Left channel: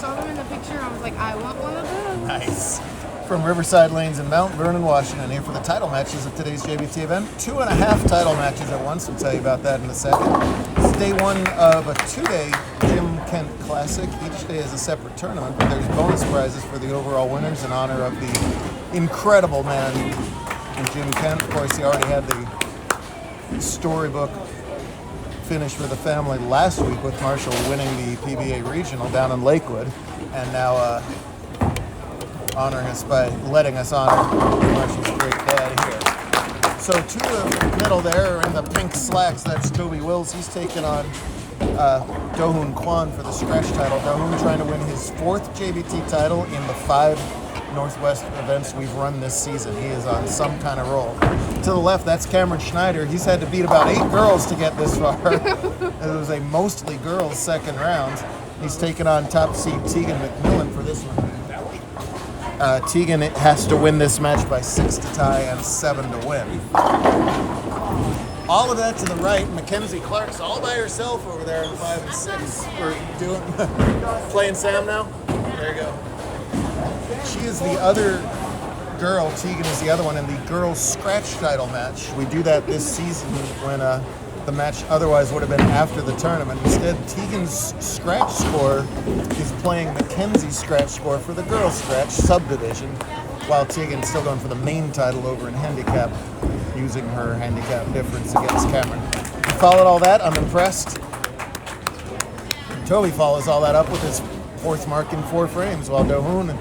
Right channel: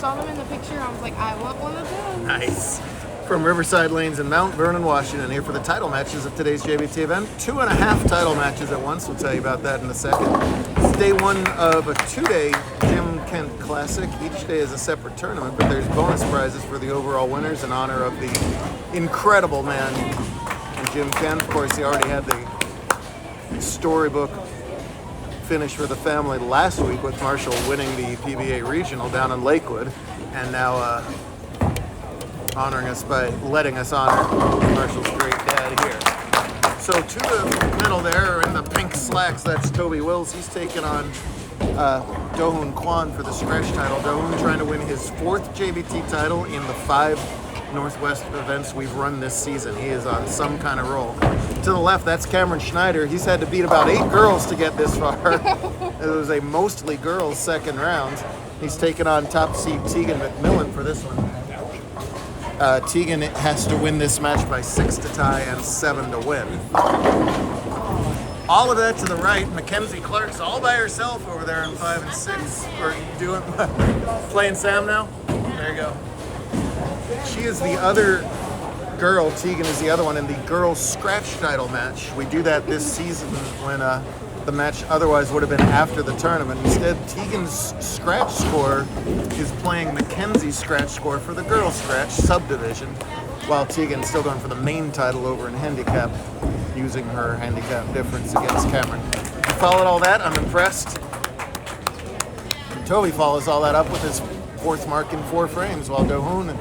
saw them in the picture. I was like, I want one of them. Nice. From Riverside Lanes in Mount Vernon, Washington, here for the title matches of today's JBT event. 2.5 title matches at once. We'll tell you about that in a second. It's day one of a 2-day Jim Kent Classic. Each day is a separate tournament, but there's bonus prizes for the overall winners in honor of the incredible man, Jim Kent. Of course, he already had the storybook finish for the family last week with Marshall winning the PBA Regional down in Lakewood, and now honoring us by letting us honor Marshall's great dad here. So to the middle there in the pink slacks, that's Toby Wills. He's taking on Do-Hoon Kwan for the scratch title. Do-Hoon trying to win his 4th JBT title in the 5 Northwest events we've run this season. He is on some kind of roll. To the left, that's Cameron Schneider. He's had to beat about 8 girls to get this far. It was a mostly girls second round. He's taking on top seed Tegan McMillan for this one. Tegan has to win this match by 6 to tie and 7 to win. All of that to the right, Mackenzie Clark's all by herself over there in 5 and 6. Playing Sam now? There you go. She is the other girl. Tegan is the other one in the girls scratch title match. We do that this season when the match otherwise would have been after the tournament. Instead, Tegan's scratch score is playing Mackenzie's scratch score for the girls scratch subdivision, while Tegan's still going for the main title over in handicap, using her handicap difference against Cameron. I followed all that. I'm impressed. Toby follows all that up with his 4th mark in 4 frames, while Do-Hoon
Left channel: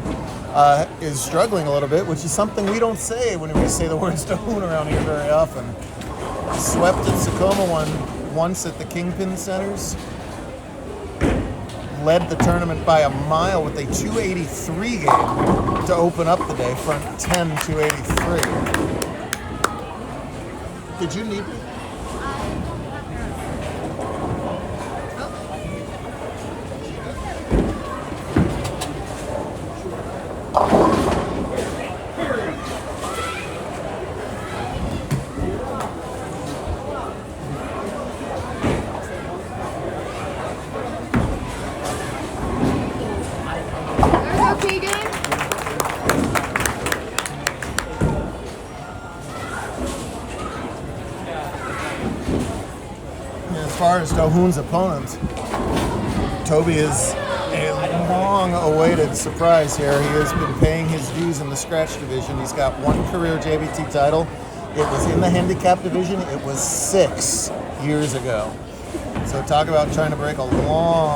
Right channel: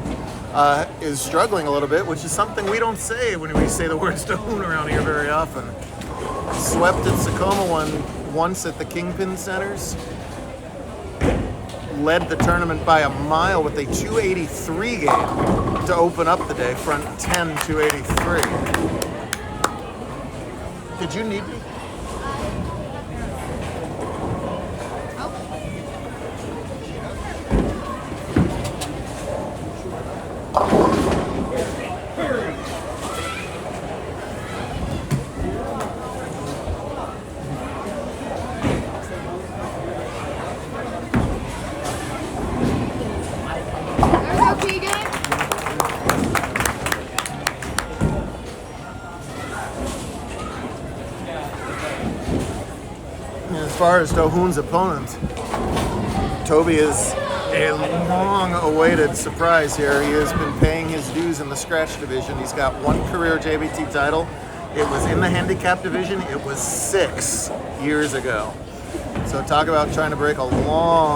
is struggling a little bit, which is something we don't say when we say the words Do-Hoon around here very often. Swept at Tacoma once at the Kingpin Centers. Led the tournament by a mile with a 283 game to open up the day, front 10, 283. Did you need me? As far as Do-Hoon's opponent, Toby is a long-awaited surprise here. He has been paying his dues in the scratch division. He's got 1 career JBT title. It was in the handicap division. It was 6 years ago. So talk about trying to break a long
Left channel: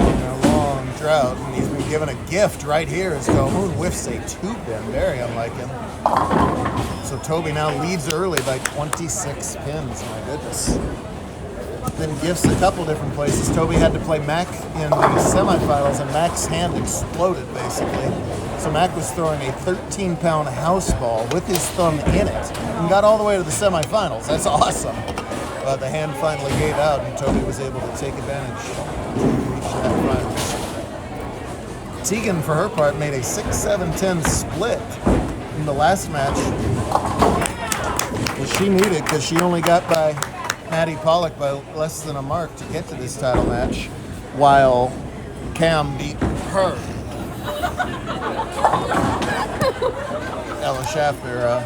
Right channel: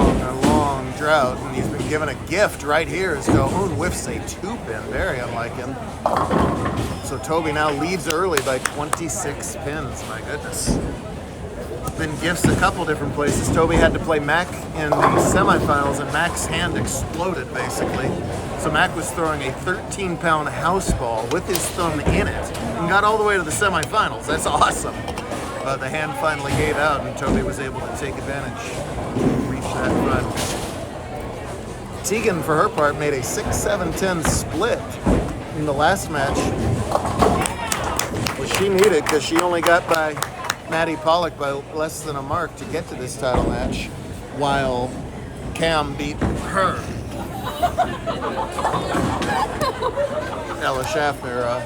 drought. And he's been given a gift right here as Do-Hoon whiffs a tube bin. Very unlike him. So Toby now leads early by 26 pins. My goodness. Been gifts a couple different places. Toby had to play Mac in the semifinals, and Mac's hand exploded, basically. So Mac was throwing a 13-pound house ball with his thumb in it and got all the way to the semifinals. That's awesome. The hand finally gave out, and Toby was able to take advantage to reach that final. Tegan, for her part, made a 6-7-10 split in the last match. She needed it because she only got by Maddie Pollock by less than a mark to get to this title match, while Cam beat her. Ella Schaffner,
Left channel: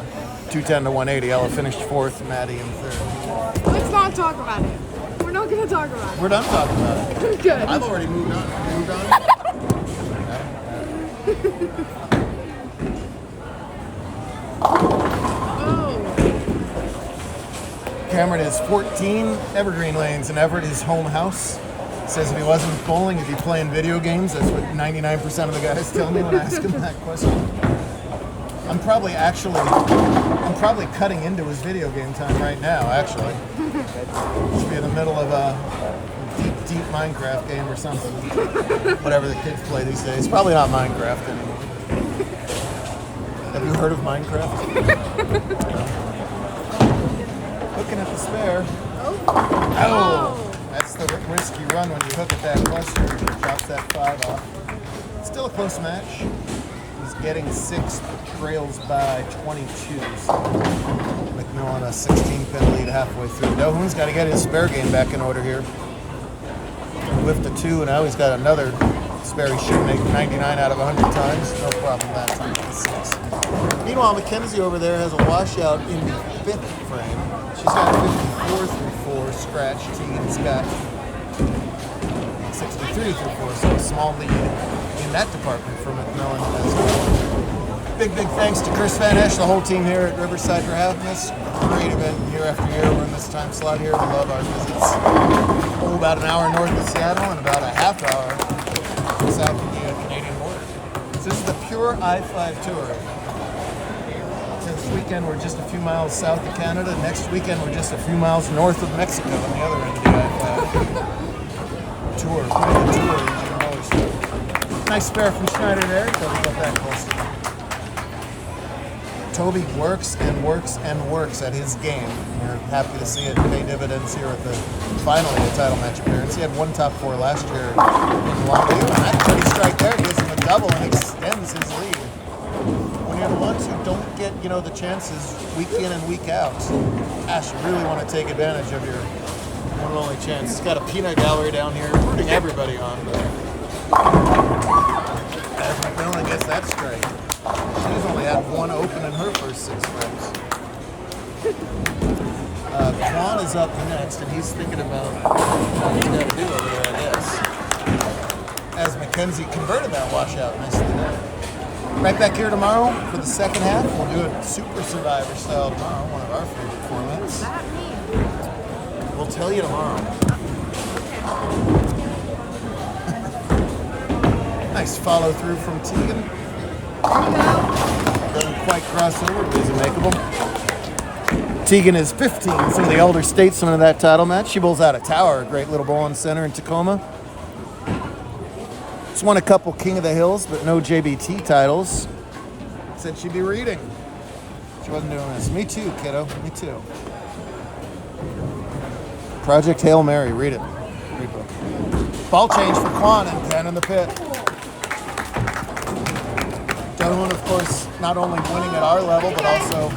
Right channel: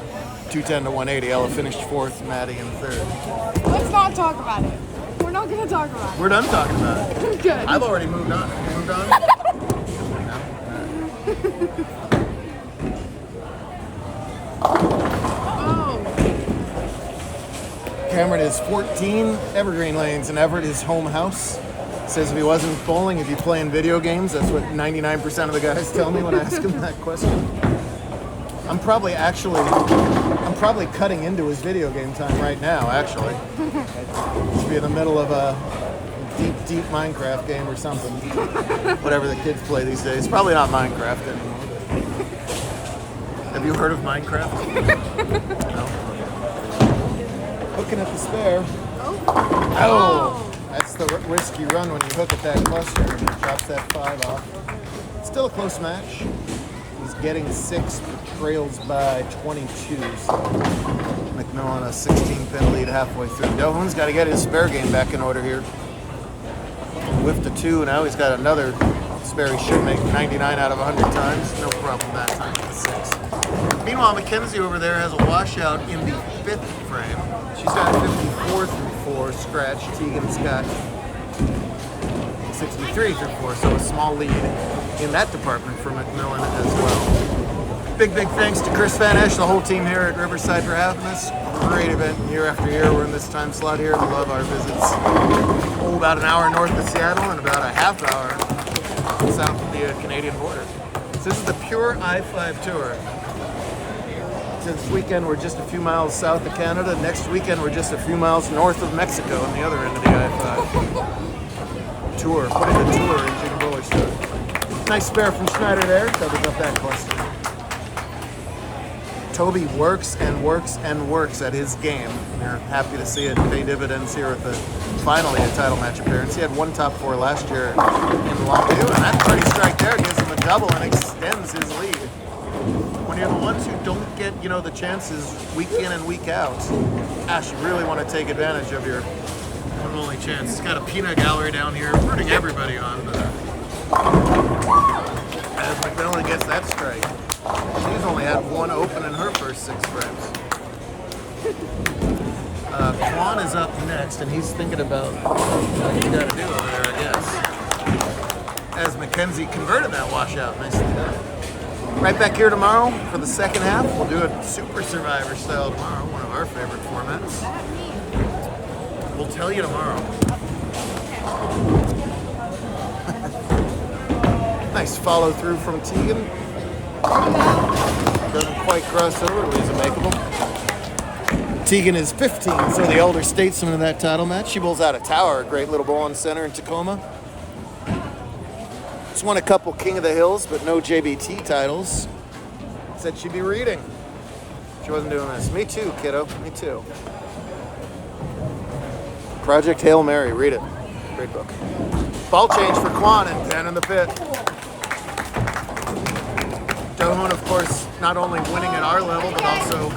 210 to 180. Ella finished 4th, Maddie in 3rd. Let's not talk about it. We're not going to talk about it. We're done talking about it. Good. I've already moved on. Have you moved on? Cameron is 14 Evergreen Lanes, and Everett is home house. Says if he wasn't bowling, he'd be playing video games. That's what 99% of the guys tell me when I ask him that question. I'm probably cutting into his video game time right now, actually. Should be in the middle of a deep Minecraft game or something. Whatever the kids play these days. Probably not Minecraft anymore. Have you heard of Minecraft? Looking at the spare. Oh! That's the risk you run when you hook it that close here and it drops that 5 off. Still a close match. He's getting 6, trails by 22. So McMillan a 16-pin lead halfway through. Do-Hoon's got to get his spare game back in order here. Whiffed a 2, now he's got another Sperry should make 99 out of 100 times. No problem that time with the 6. Meanwhile, Mackenzie over there has a washout in the 5th frame. She's had 54 through 4 scratch. Tegan's got 63 through 4, so a small lead in that department for McMillan. Big thanks to Chris Van Esch, the whole team here at Riverside for having us. Great event year after year. We're in this time slot here. We love our visits. About an hour north of Seattle and about a half hour south of the Canadian border. So this is the pure I-5 tour. So this weekend we're just a few miles south of Canada. Next weekend we're just a few miles north of Mexico on the other end of the I-5 tour. Quite a tour. Nice spare from Schneider there. Don't get that close to it. Toby works and works and works at his game. You're happy to see it pay dividends here at the finally a title match appearance. He had 1 top 4 last year. And that pretty strike there gives him a double and extends his lead. When you're the ones who don't get, the chances week in and week out, gosh, you really want to take advantage of your one and only chance. He's got a peanut gallery down here rooting everybody on. As McMillan gets that straight. She's only had 1 open in her first 6 frames. Quan is up next, and he's thinking about what he's got to do over there, I guess. As Mackenzie converted that washout nicely there. Right back here tomorrow for the second half. We'll do a Super Survivor style tomorrow, one of our favorite formats. We'll tell you tomorrow. Nice follow through from Tegan. Doesn't quite cross over, but he's makeable. Tegan is 15, some of the elder statesmen of that title match. She bowls out a tower, a great little bowling center in Tacoma. She's won a couple King of the Hills, but no JBT titles. Said she'd be reading. She wasn't doing this. Me too, kiddo. Me too. Project Hail Mary. Read it. Great book. Ball change for Quan and 10 in the pit. Doan, of course, not only winning at our level, but also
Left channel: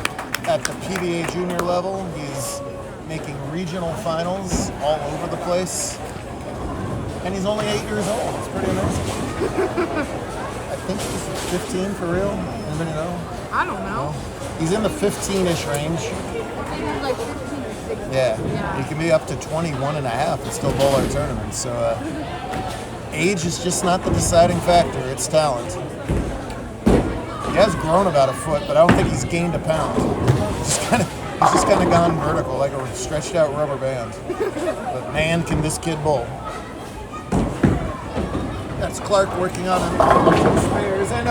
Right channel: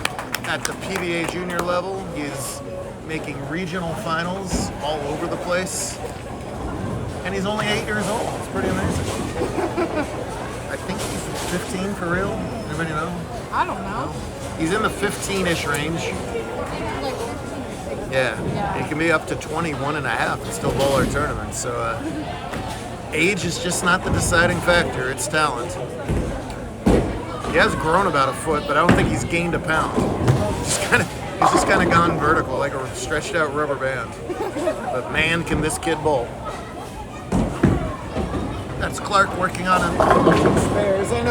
at the PBA junior level. He's making regional finals all over the place. And he's only 8 years old. It's pretty amazing. I think he's 15 for real. Anybody know? I don't know. He's in the 15-ish range. Like 15. Yeah. He can be up to 21 and a half and still bowl our tournament. So age is just not the deciding factor. It's talent. He has grown about a foot, but I don't think he's gained a pound. He's just kind of gone vertical, like a stretched out rubber band. But man, can this kid bowl. That's Clark working on it. Spares in.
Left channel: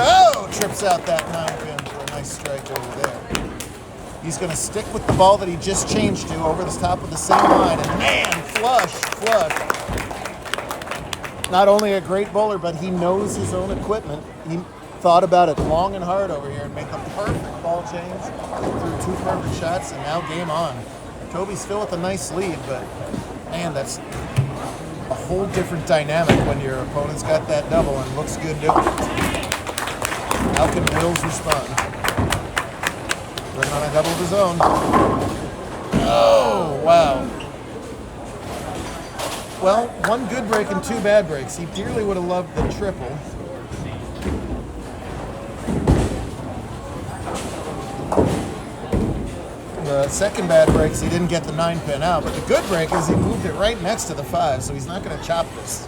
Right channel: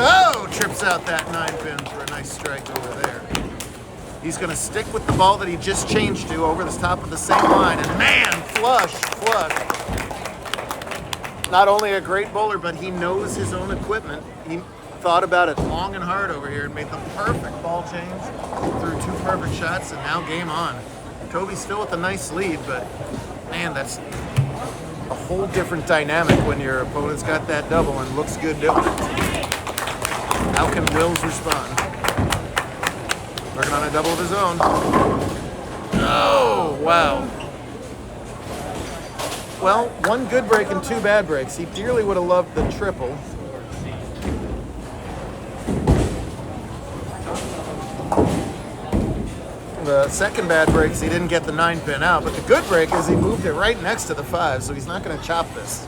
Trips out that 9-pin for a nice strike over there. He's going to stick with the ball that he just changed to over the top of the same line. And man, flush. Not only a great bowler, but he knows his own equipment. He thought about it long and hard over here and made the perfect ball change through 2 perfect shots, and now game on. Toby's still with a nice lead, but man, that's a whole different dynamic when your opponent's got that double and looks good doing it. How can Wills respond? Working on a double of his own. Oh, wow. Well, 1 good break and 2 bad breaks. He dearly would have loved the triple. The second bad break is he didn't get the 9-pin out, but the good break is he moved it right next to the 5, so he's not going to chop this.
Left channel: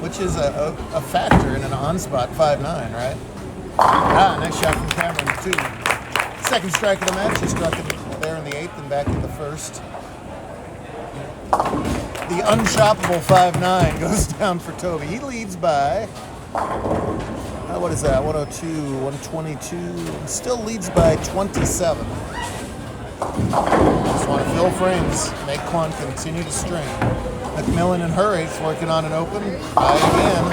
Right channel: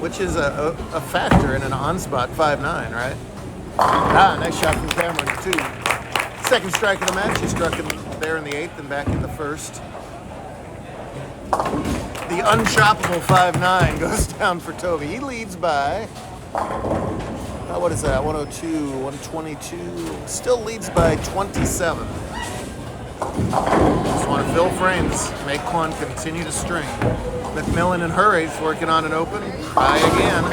Which is a factor in an on-spot 5-9, right? Nice shot from Cameron, too. Second strike of the match, he struck it there in the 8th and back in the 1st. The unchoppable 5-9 goes down for Toby. He leads by, what is that, 102, 122, still leads by 27. Just want to fill frames, make Quan continue to string. McMillan in her 8th working on an open, by again.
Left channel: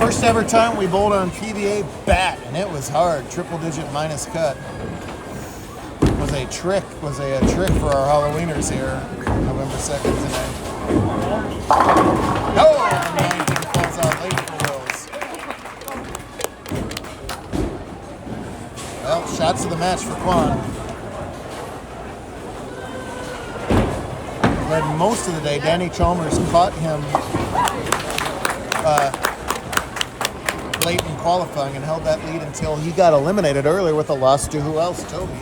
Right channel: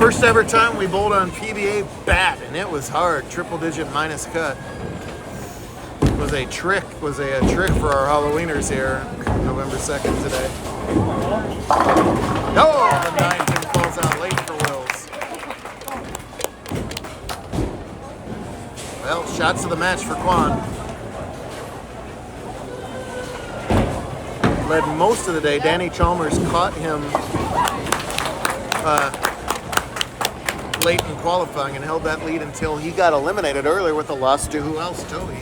First ever time we bowled on PBA bat, and it was hard, triple digit minus cut. Was a trick for our Halloweeners here, November 2nd today. No! The 9 falls out late for Wills. Well, shots of the match for Quan. Led most of the day Danny Chalmers caught him late in qualifying and held that lead until he got eliminated earlier with a loss to who else? Toby.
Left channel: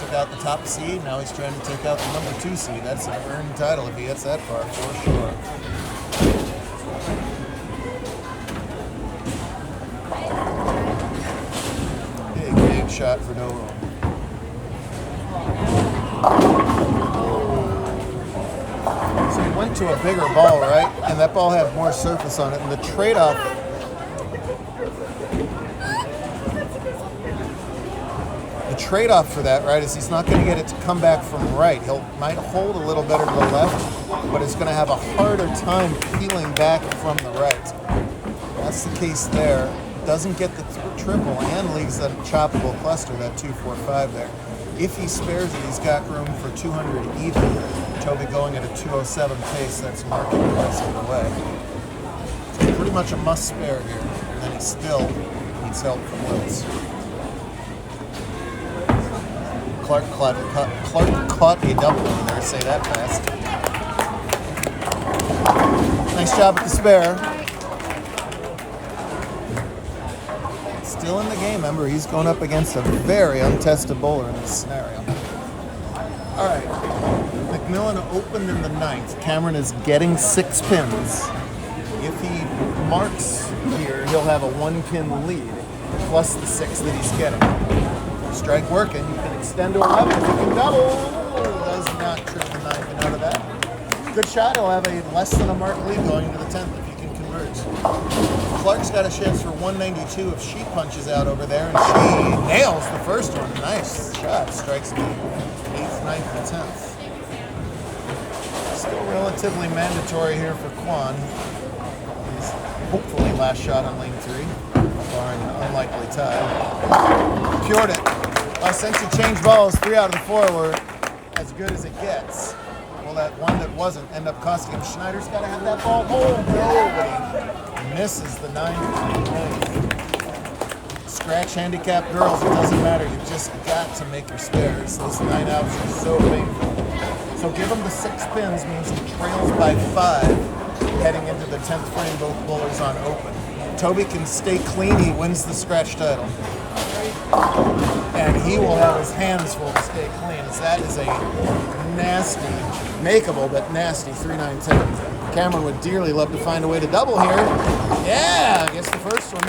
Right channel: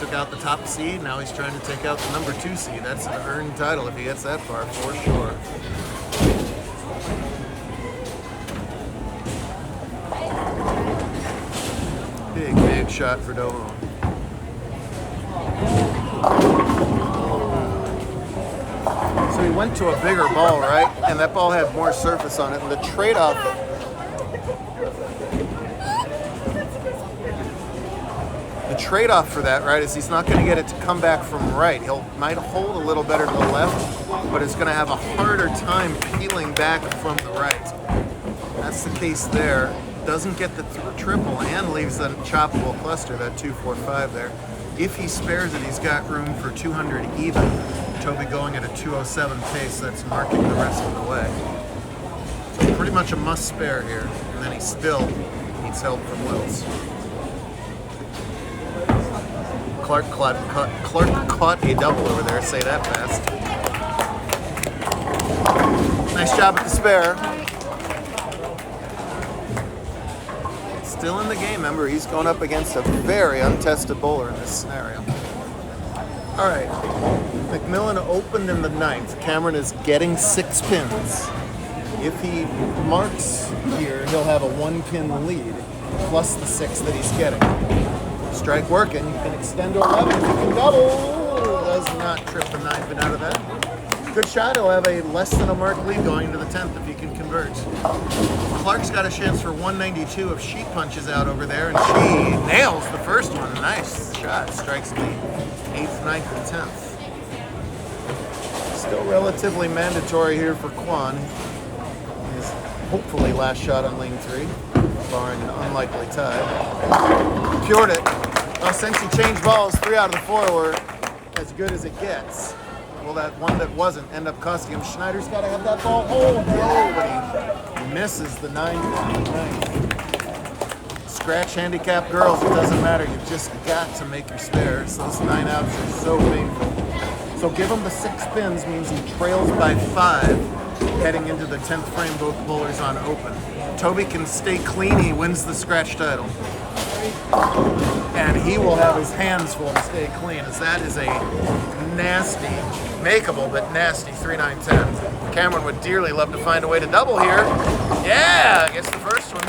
Took out the top seed. Now he's trying to take out the number 2 seed. That's an earned title if he gets that far, for sure. Big shot for Dover. So he went to a bigger ball, right? And that ball had more surface on it. And the trade-off for that, right, is he's not going to get it to come back from the right. Might hold a little better to the left, but it's going to have a harder time peeling back from the right. That's the case there. Doesn't get the triple and leaves that choppable cluster, that 245 there. If he spares it, he's got room for 200 even. Toby going at a 207 pace, that's marking the rest of the way. So pretty much a must spare here, and then he still needs help from Wills. Clark caught a double over there, say that fast. Nice job at the spare. Still in the game, remember, he's going up against a very untested bowler in this scenario. All right, McMillan opened in the 9th. Cameron is getting 6 pins. If he marks here, he'll have a 1-pin lead, plus the 6 that he's getting. Strike working, you can extend over up, you can double. Does not trip the 9th and out of that. Good shot, he'll have a less than a mark lead going into the 10th if he can convert. Clark's got a chance for 192 if she punches out over there, and she nails the first one. Nice shot, strikes the 8th, 9th, and 10th. Still relatively mandatory here for Kwan. His hopefully last shot on lane 3, barring an unlikely tie. Cured it. Well, since he changed balls, 3 out of the 4 were as good as it gets. Well, that one that wasn't end up costing him. Schneider's got to have that ball home. He misses the 9th. Scratch handicap girls, it doesn't matter. You've just got to make your spares. Those 9 outs are so painful. So give him the 6 pins means he trails by 5 heading into the 10th frame. Both bowlers on open. Toby can stay clean, he wins the scratch title. And he will have his hands full to stay clean, as that is a nasty, makeable but nasty 3-9-10. Cameron would dearly love to find a way to double here. Yeah, gets the first one.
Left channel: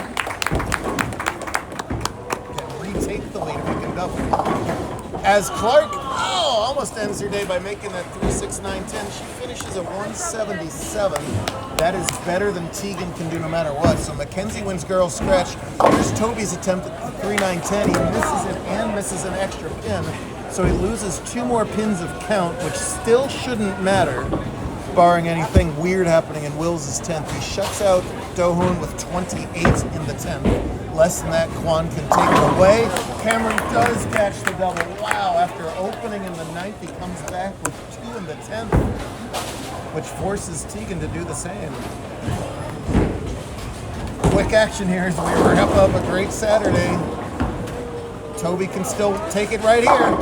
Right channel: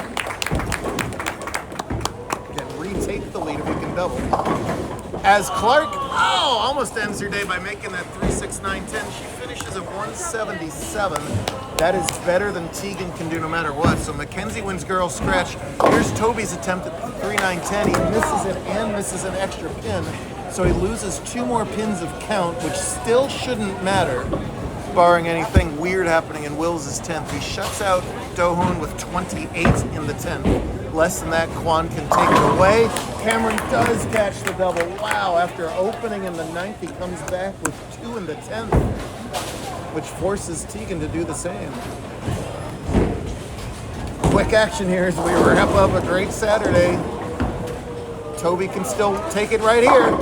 Can retake the lead if he can double. As Clark, almost ends her day by making that 3-6-9-10. She finishes at 177. That is better than Tegan can do no matter what. So Mackenzie wins girls scratch. Here's Toby's attempt at the 3-9-10. He misses it and misses an extra pin. So he loses 2 more pins of count, which still shouldn't matter, barring anything weird happening in Wills' 10th. He shuts out Do-hoon with 28 in the 10th. Less than that, Kwan can take it away. Cameron does catch the double. Wow, after opening in the 9th, he comes back with 2 in the 10th, which forces Tegan to do the same. Quick action here as we wrap up a great Saturday. Toby can still take it right here.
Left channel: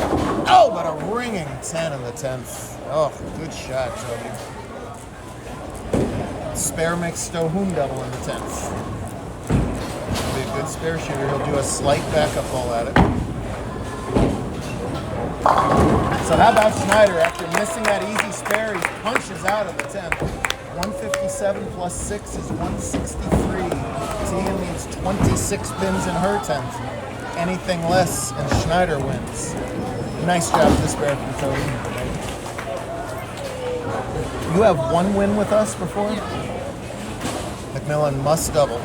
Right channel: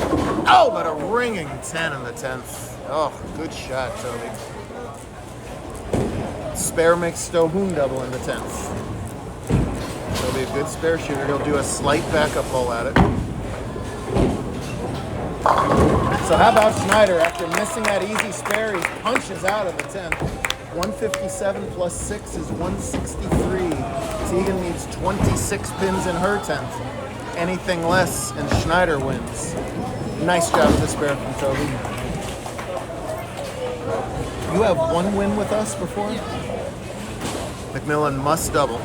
Oh, but a ringing 10 in the 10th. Oh, good shot, Toby. Spare makes Do-hoon double in the 10th. Be a good spare shooter. He'll do a slight backup pull at it. So how about Schneider? After missing that easy spare, he punches out of the 10th. 157 plus 6 is 163. Tegan needs 26 pins in her 10th. Anything less, and Schneider wins. Nice job to spare from Toby. You have 1 win with us before? Yeah. McMillan must double.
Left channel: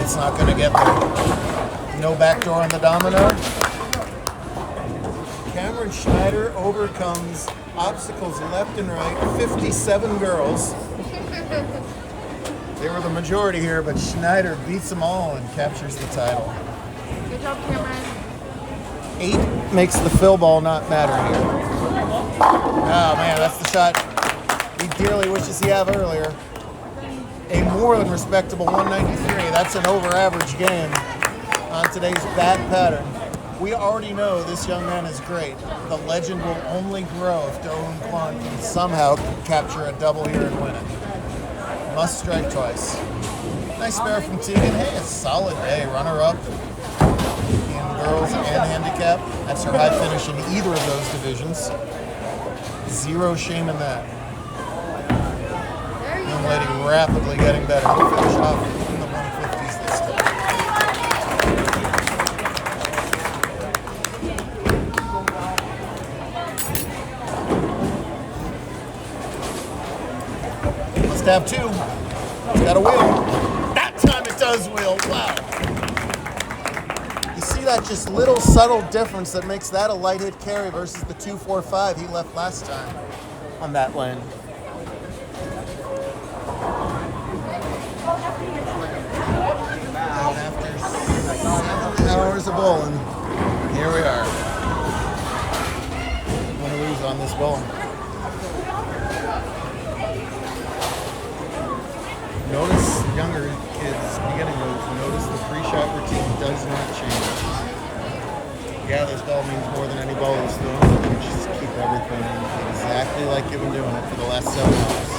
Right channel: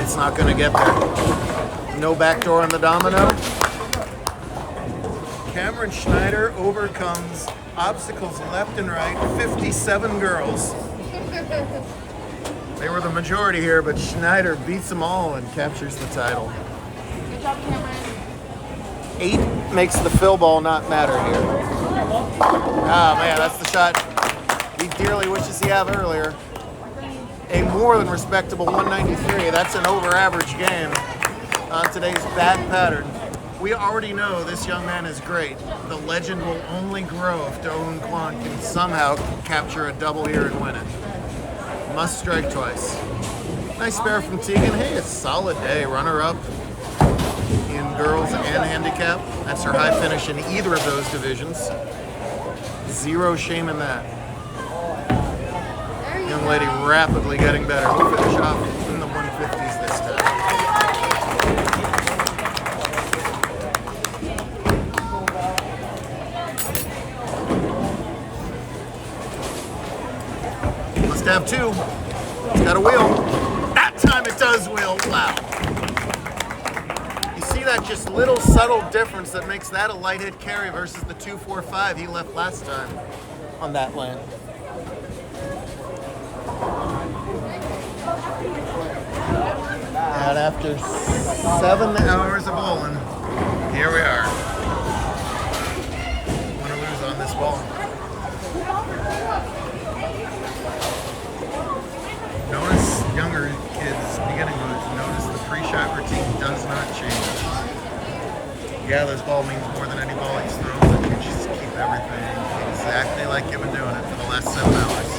It's not going to get there. No backdoor in the domino. Cameron Schneider overcomes obstacles left and right. 57 girls. They were the majority here, but Schneider beats them all and captures the title. Good job, Cameron. 8 makes the fill ball not matter here. Ah, man, that's the shot he dearly wishes he had earlier. A more than respectable 193. That's an over-average game on today's bad pattern. we already know this young man is great. The legend will only grow if Do Woon Kwon can somehow capture a double here and win it. Must strike twice. Nice spare from Tegan. Hey, a solid day. Runner-up in girls and handicap. That's her high finish in either of those divisions. Zero shame in that. Young lady rapidly getting better. We'll finish off in the 150s this time. Must have two. It's got a wheel. That time it does wheel. Wow. You see that just little subtle difference that makes that a light hit carry versus the 245 he left last time on that lane. And after 7 hours of bowling, here we are. I'm going to lose on this bowling. Notice younger kids beginning to notice the pre-shot routine does not change. Yeah, this ball means more than any ball he's thrown, but you just keep everything exactly like you've been doing it for the last 7 hours.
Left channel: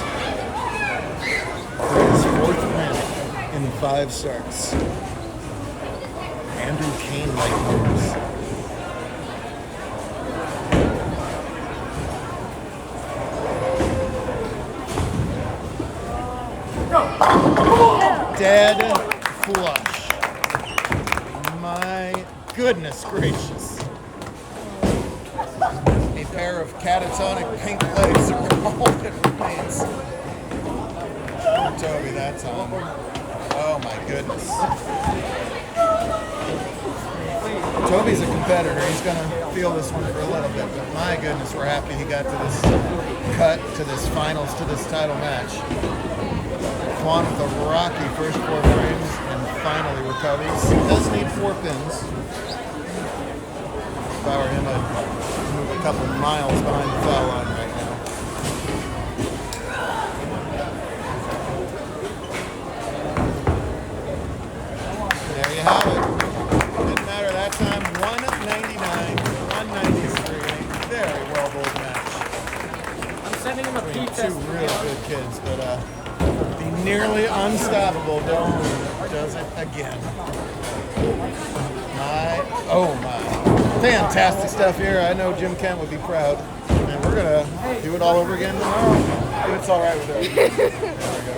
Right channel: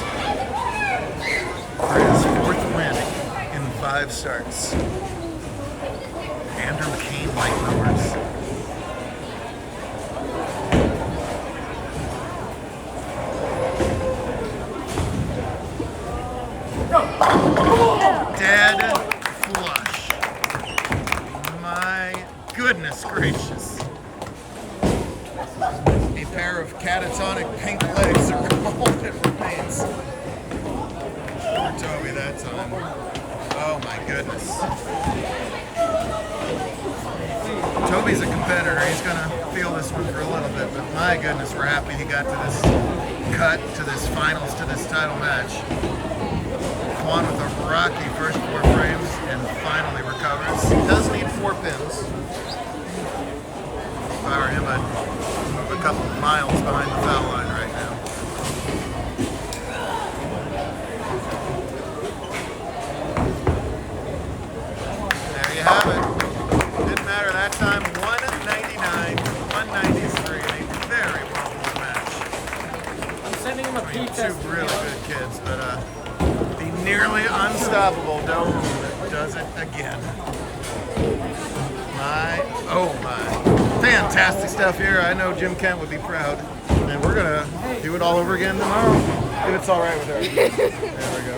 For his 4th win in 5 starts. Andrew Kane light numbers. Dead flush. My goodness gracious. A pair of catatonic pink legs are all that remains. For Toby that time. Oh my goodness. Toby's a competitor. He's going to feel this one for a little bit, but my goodness, we're happy he got to this cut, to this finals, to this title match. Kwon with a rocky first 4 frames and finally recovers. He does need 4 pins. If I were him, I'd move a couple of miles behind the foul line right now. There you have it. Didn't matter that time. 199, 193. A very well bowled match. I'm sending him a I mean, pee test. two really good kids, but the nearly unstoppable Do Woon does it again. Oh my. Fantastic stuff here. I know Jim Kent would be proud. And we're going to do it all over again tomorrow. If it's all right with her. There we go.